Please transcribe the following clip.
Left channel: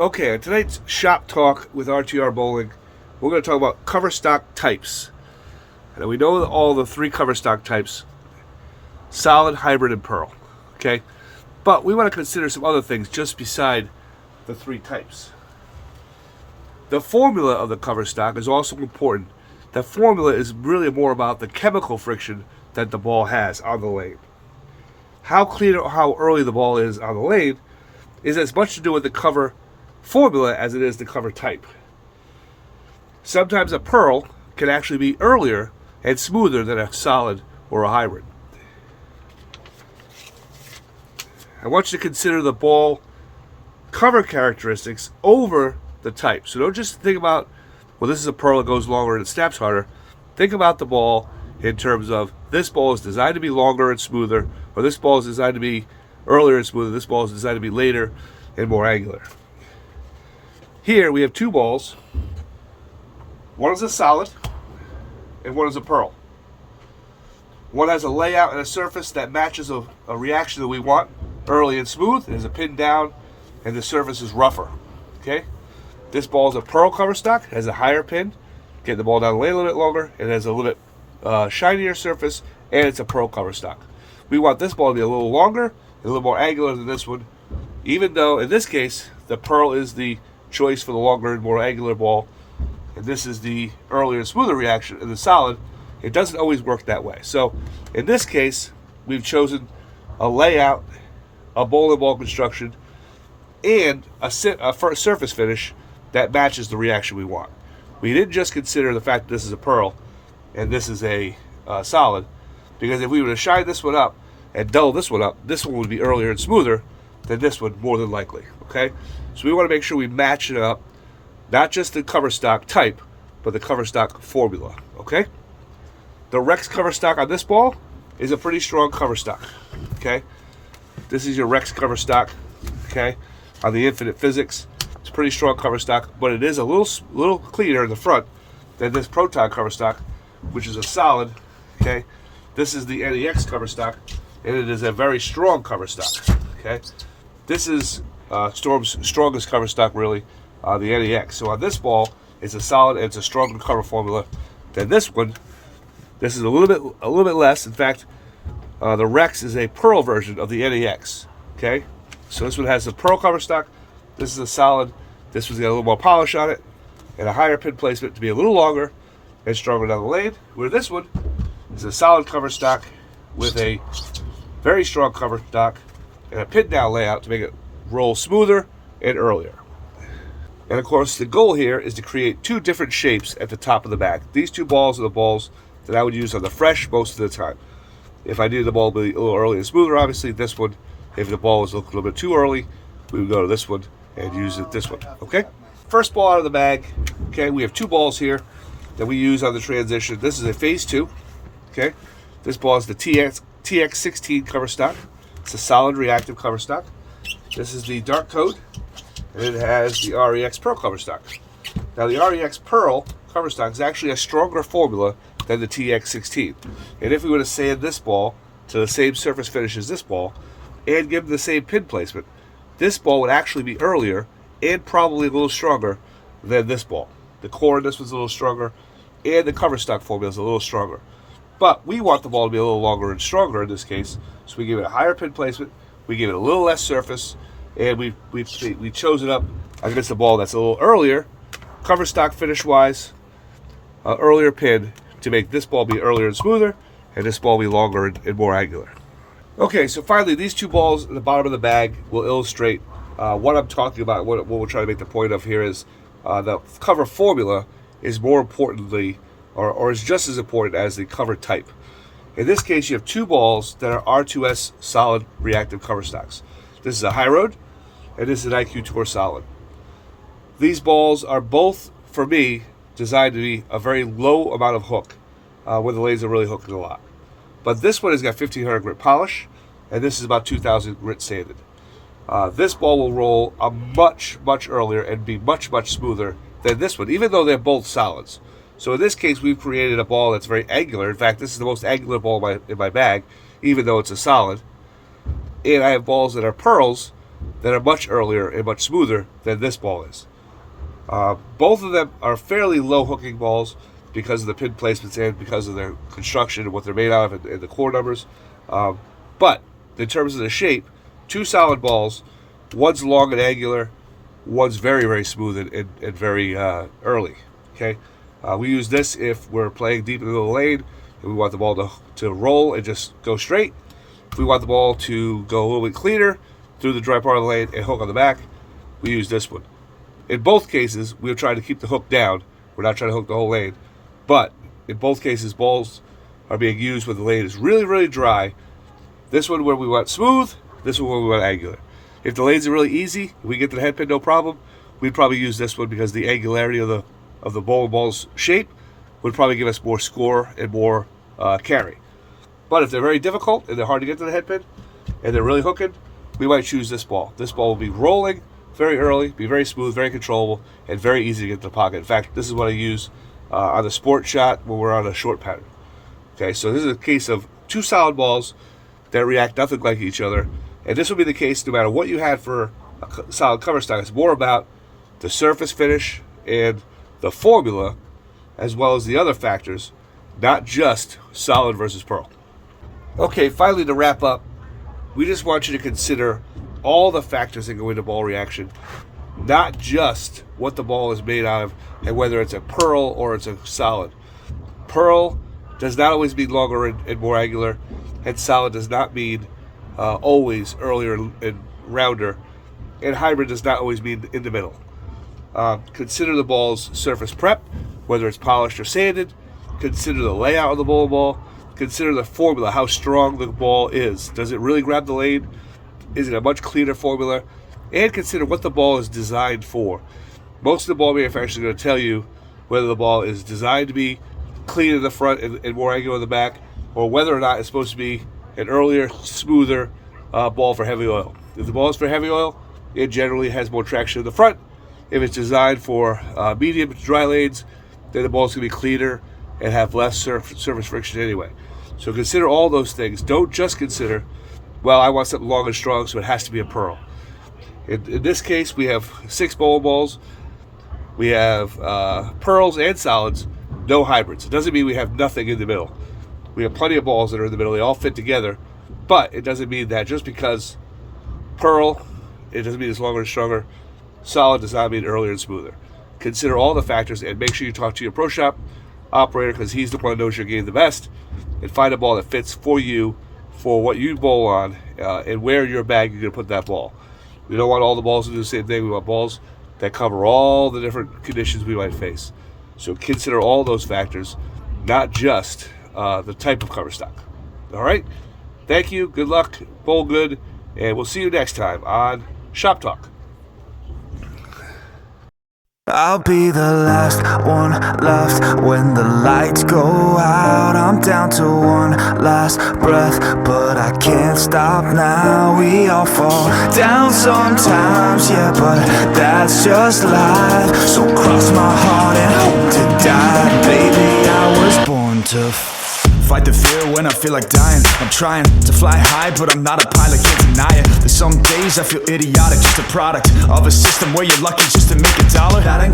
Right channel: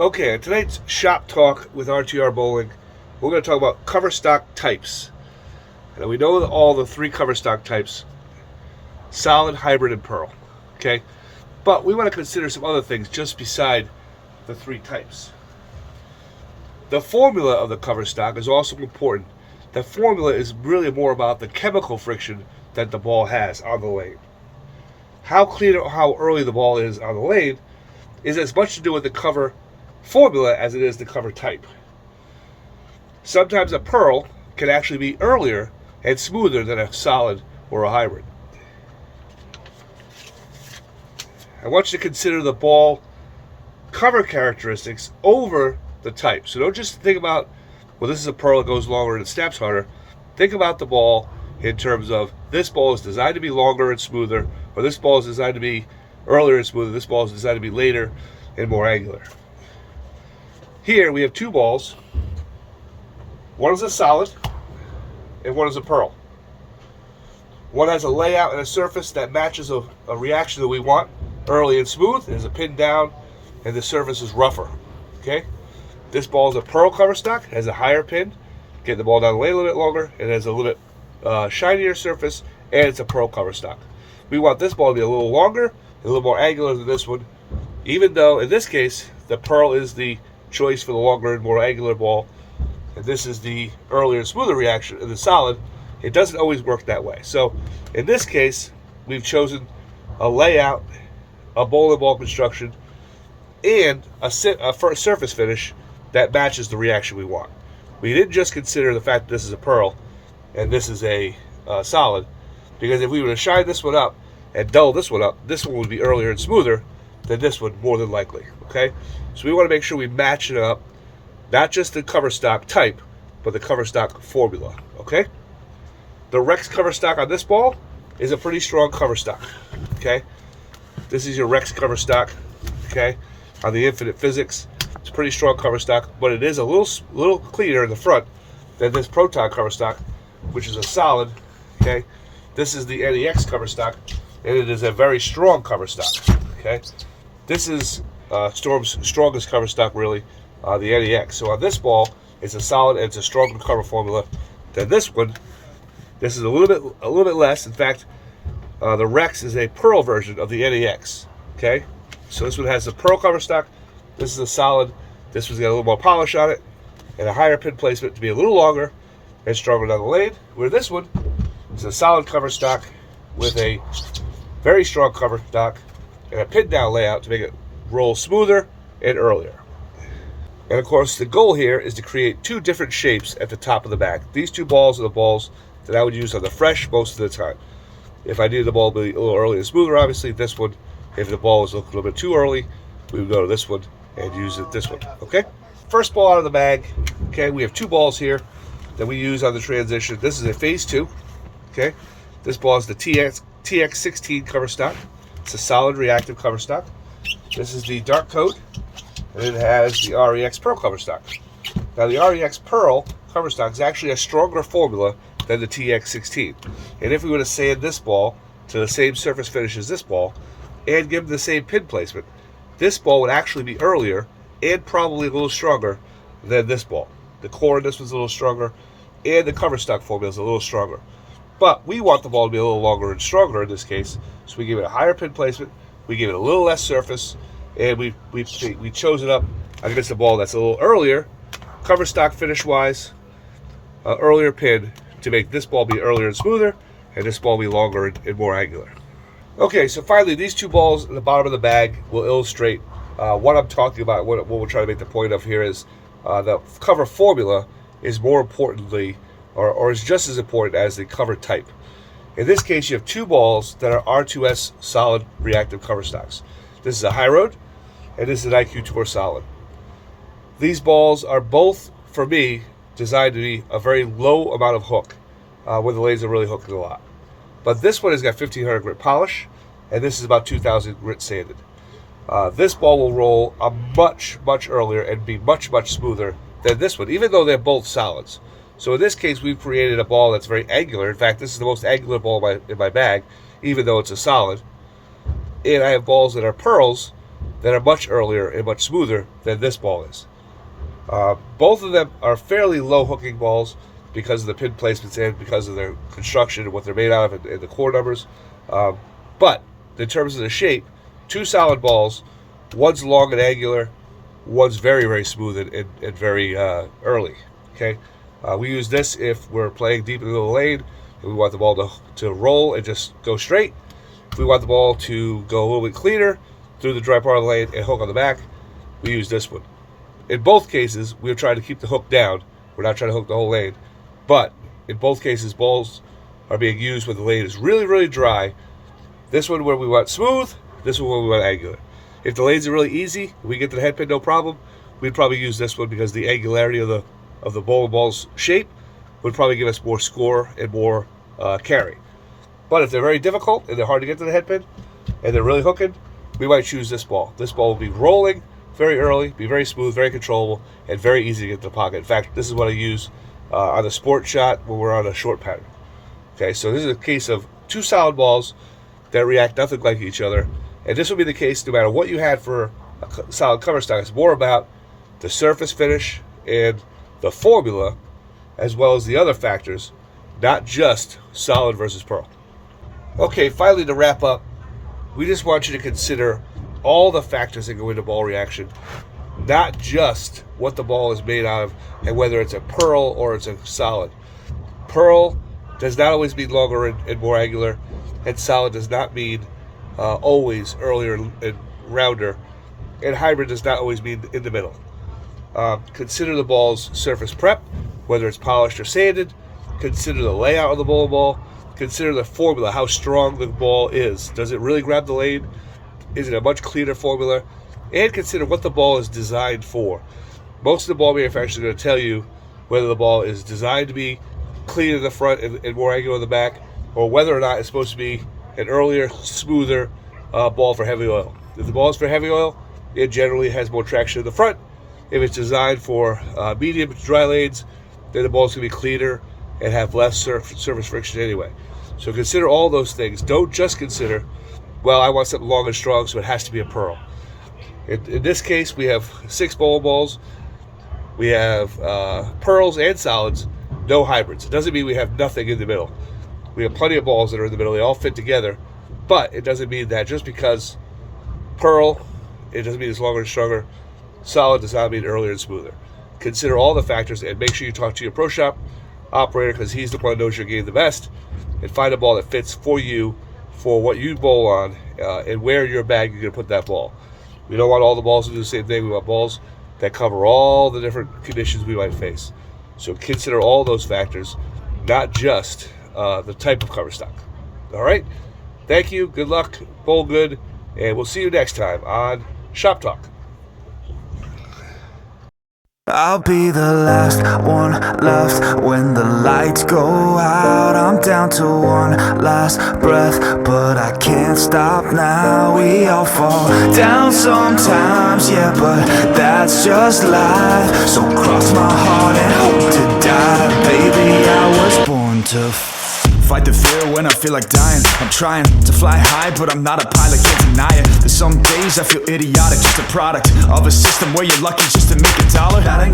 Okay, in tonight's shop talk with RTR Bowling, we're going to talk about cover stock types. And we know all the three cover stock types: solid, hybrid, and pearl. Okay, but we want to consider some other things just beside the three types. The formula of the cover stock is also important. The formula is really more about the chemical friction that the ball has on the lane. How clean or how early the ball is on the lane is as much to do with the cover formula as it is the cover type. Sometimes a pearl can actually be earlier and smoother than a solid or a hybrid. I want you to consider the ball cover characteristics over the type. So don't just think about, well, this is a pearl that goes longer and it snaps harder. Think about the ball in terms of this ball is designed to be longer and smoother, or this ball is designed to be earlier and smoother, this ball is designed to be later and more angular. Here we have two balls. One is a solid and one is a pearl. One has a layout and a surface that matches a reaction that we want, early and smooth. There's a pin down and the surface is rougher. Okay? This ball is a pearl cover stock, has a higher pin, get the ball down the lane a little bit longer, it has a little bit shinier surface, and it's a pearl cover stock. We want this ball to be a little longer, a little more angular than this one, even though in this case the pearl is the choice for the longer and more angular ball, and this is the earlier and smoother reaction in the solid. It doesn't always work that way. So in this case, we've chosen a layout, a bowling ball construction, and a surface finish that matches the reaction we want. We didn't just consider the fact that this is a pearl and this is a solid, because if we were to shine this one up and dull this one up, this one would be earlier and smoother than this one, more than likely. Okay, so we want to make sure we match it up, not just the cover stock type, but the cover stock formula. Okay, the Rex cover stock on this ball is a pretty strong cover stock. Okay, this is your Rex cover stock. Okay, on the Infinite Physics, it's a pretty strong cover stock, but it is a little cleaner in the front than this Proton cover stock, which is a solid. Okay, this is the NEX cover stock, and it is a very strong cover stock. Okay, this is Storm's strongest cover stock, really, the NEX. So on this ball, it's a solid and it's a stronger cover formula than this one. This is a little bit less. In fact, the Rex is a pearl version of the NEX. Okay, so this one has a pearl cover stock. This is a solid. This one's got a little more polish on it and a higher pin placement to be a little longer and stronger down the lane. Where this one is a solid cover stock with a very strong cover stock and a pin down layout to make it roll smoother and earlier. And of course, the goal here is to create two different shapes at the top of the bag. These two balls are the balls that I would use on the fresh most of the time. If I needed the ball to be a little early and smoother, obviously this one. If the ball was looking a little bit too early, we would go to this one and use it this one. Okay, first ball out of the bag. Okay, we have two balls here that we use on the transition. This is a phase 2. Okay, this ball is the TX16 cover stock. It's a solid reactive cover stock. This is the dark coat, and it has the REX Pearl cover stock. Now the REX Pearl cover stock is actually a stronger formula than the TX16. And if we were to sand this ball to the same surface finish as this ball and give them the same pin placement, this ball would actually be earlier and probably a little stronger than this ball. The core in this one's a little stronger, and the cover stock formula is a little stronger. But we want the ball to be a little longer and stronger in this case, so we give it a higher pin placement, we give it a little less surface, and we chose it up against a ball that's a little earlier, cover stock finish-wise, earlier pin, to make this ball be earlier and smoother, and this ball be longer and more angular. Okay, so finally, these two balls in the bottom of the bag will illustrate what I'm talking about. What we're trying to make the point of here is the cover formula is more importantly, or is just as important as the cover type. In this case, you have two balls that are R2S solid reactive cover stocks. This is a High Road, and this is an IQ Tour solid. These balls are both, for me, designed to be a very low amount of hook, where the lanes are really hooking a lot. But this one has got 1500 grit polish, and this is about 2000 grit sanded. This ball will roll a much earlier and be much smoother than this one, even though they're both solids. So in this case, we've created a ball that's very angular. In fact, this is the most angular ball in my bag, even though it's a solid. And I have balls that are pearls that are much earlier and much smoother than this ball is. Both of them are fairly low hooking balls because of the pin placements and because of their construction and what they're made out of and the core numbers. But in terms of the shape, two solid balls, one's long and angular, one's very, very smooth and very early. Okay, we use this if we're playing deep into the lane and we want the ball to roll and just go straight. If we want the ball to go a little bit cleaner through the dry part of the lane and hook on the back, we use this one. In both cases, we're trying to keep the hook down. We're not trying to hook the whole lane. But in both cases, balls are being used when the lane is really, really dry. This one where we want smooth, this one where we want angular. If the lanes are really easy, we get to the head pin, no problem. We'd probably use this one because the angularity of the bowling ball's shape would probably give us more score and more carry. But if they're very difficult and they're hard to get to the head pin and they're really hooking, we might choose this ball. This ball will be rolling very early, be very smooth, very controllable, and very easy to get to the pocket. In fact, this is what I use on the sport shot when we're on a short pattern. Okay, so this is a case of two solid balls that react nothing like each other. And this will be the case no matter what you had for a solid cover stock. It's more about the surface finish and the formula as well as the other factors, not just solid versus pearl. Okay, finally to wrap up, we just want you to consider all the factors that go into ball reaction, not just what the ball is made out of and whether it's a pearl or it's a solid. Pearl does not always mean longer and more angular, and solid does not mean always earlier and rounder, and hybrid does not always mean in the middle. Consider the ball's surface prep, whether it's polished or sanded. Consider the layout of the bowling ball. Consider the formula, how strong the ball is. Does it really grab the lane? Is it a much cleaner formula? And consider what the ball is designed for. Most of the ball manufacturers are going to tell you whether the ball is designed to be clean in the front and more angular in the back, or whether or not it's supposed to be an earlier, smoother ball for heavy oil. If the ball is for heavy oil, it generally has more traction in the front. If it's designed for medium to dry lanes, then the ball's going to be cleaner and have less surface friction anyway. So consider all those things. Don't just consider, well, I want something long and strong, so it has to be a pearl. In this case, we have 6 bowling balls. We have pearls and solids, no hybrids. It doesn't mean we have nothing in the middle. We have plenty of balls that are in the middle. They all fit together. But it doesn't mean that just because pearl, it doesn't mean it's longer and stronger. Solid does not mean earlier and smoother. Consider all the factors and make sure you talk to your pro shop operator because he's the one who knows your game the best, and find a ball that fits for you, for what you bowl on, and where in your bag you're going to put that ball. We don't want all the balls to do the same thing. We want balls that cover all the different conditions we might face. So consider all those factors, not just the type of cover stock. All right? Thank you. Good luck. Bowl good. And we'll see you next time on Shop Talk. I'll be the last one left when the lights go out. I'm down to one last breath, but I can't stop now. We all fall down sometimes, yeah, but that's just life. So cross my heart and hope to die. Baby, I was born to fight the fear when I feel like dying. I'm trying to fly high, but I'm not a pilot, can't deny it. There's some days I feel idiotic, just a product of a system where you're lucky just to make $1. That ain't